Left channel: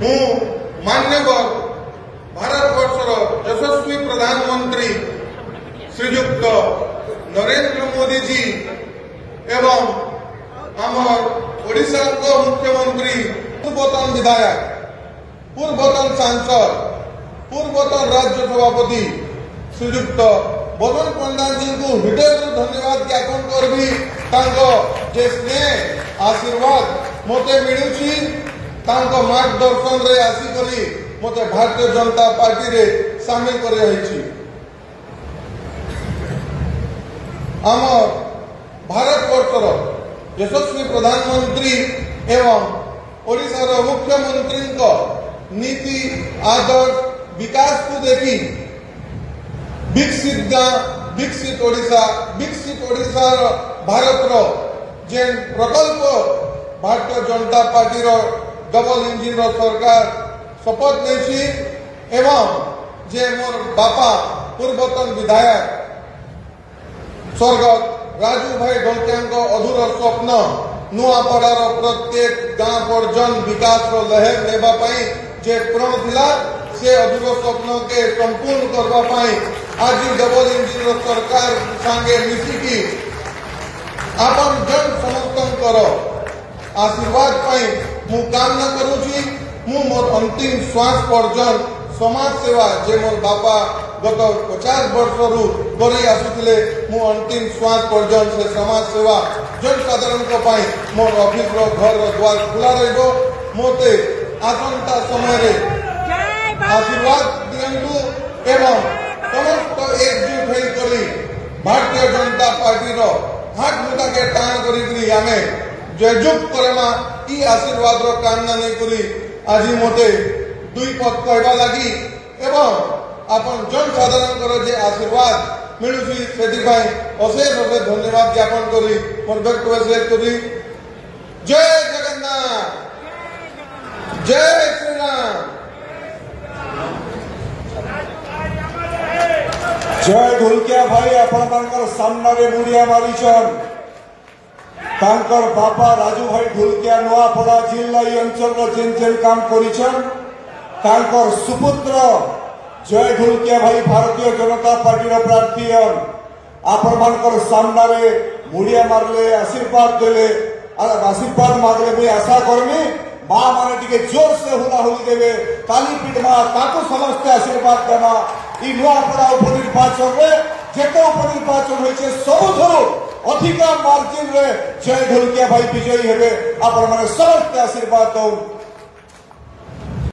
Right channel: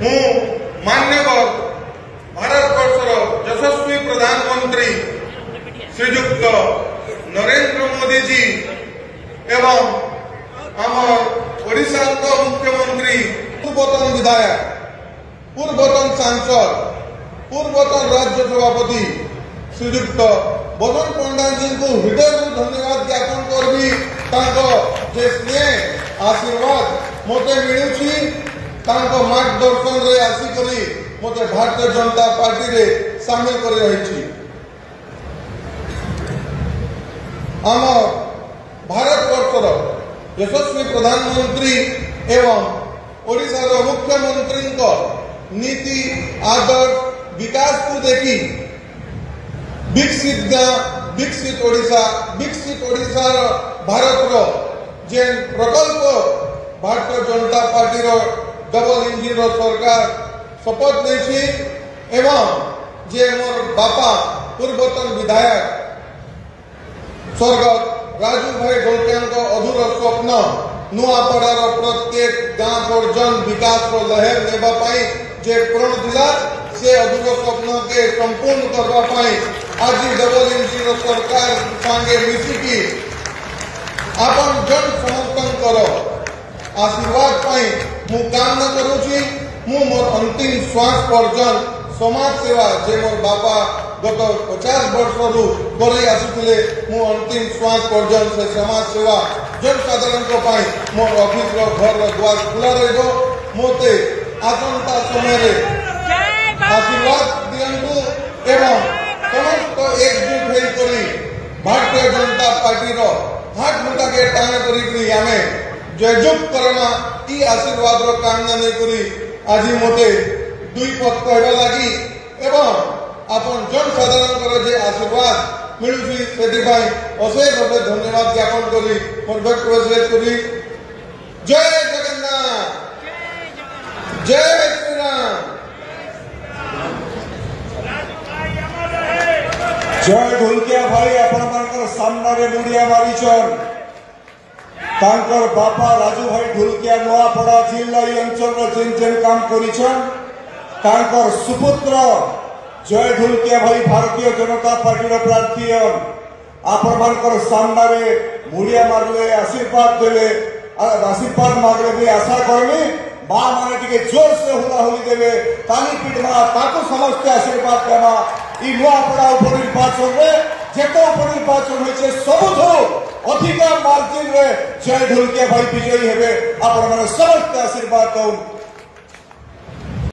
हूँ मान्यवर भारतवर्षर यशस्वी प्रधानमंत्री श्रीयुक्त नरेंद्र मोदी जी एवं आमर ओडिशा मुख्यमंत्री पूर्वतन विधायक पूर्वतन सांसद पूर्वतन राज्य सभापति श्रीयुक्त बबन पंडा जी को हृदय धन्यवाद ज्ञापन करबी जे स्नेह आशीर्वाद मते मिलुछि मार्गदर्शन रे आसिकरी मते भारतीय जनता पार्टी रे शामिल कर रही आम भारतवर्षर यशस्वी प्रधानमंत्री एवं ओडिशार मुख्यमंत्री नीति आदर्श विकास को देखी विकसित गाँ विकसित ओडिशा भारत जे प्रकल्प Bharatiya Janata party double engine सरकार शपथ नहीं एवं जे मोर बापा पूर्वतन विधायक स्वर्गत राजू भाई ढोलकिया अधूर स्वप्न नुआपड़ार प्रत्येक गाँ पर्यटन विकास लहर लेवाई जे प्रण थिला से अधूर स्वप्न के संपूर्ण करने आज डबल इंजिन सरकार संगे मिसिकी आपन जन समर्थन आशीर्वाद मु कामना करुची मु मोर अंतिम श्वास पर्यंत समाज सेवा जे मोर बापा गत 50 वर्ष करी आसुले मु अंतिम श्वास पर्यंत से समाज सेवा जनसाधारण मोर ऑफिस घर द्वार खुला रहिबो मोते आसंता समय आशीर्वाद दियंतु एवं समस्त एकजुट होई भारतीय जनता पार्टी हाथ मुठा के टाण करी आमे जयजुग करना ई आशीर्वाद कामना नहीं करी आज मते दुई पद कहवा लगी एवं आपन जनसाधारण जे आशीर्वाद मिलुची से अशेष अशेष धन्यवाद ज्ञापन करी मोर वक्तव्य शेष करी जय जगन्नाथ जय श्री राम जय ढोलकिया भाई आपण सामने मुड़िया मारिछन बापा राजू भाई ढोलकिया नुआपड़ा जिला अंचल जेन जेन काम कर सुपुत्र जय ढोलकिया भाई भारतीय जनता पार्टी प्रार्थी आपण सामने मुड़िया मारले आशीर्वाद देले आशीर्वाद मांगले भी आशा करनी माँ मैंने टे जोर से हुलाहुली देवे ताली पीटमा ताकू समस्ते आशीर्वाद देमा ई नुआपड़ा उपनिर्वाचन में जेको उपनिर्वाचन होइछे सबुठो अधिक मार्जिन रे जय ढोलकिया भाई विजयी हेबे आपण माने समस्त आशीर्वाद दउन।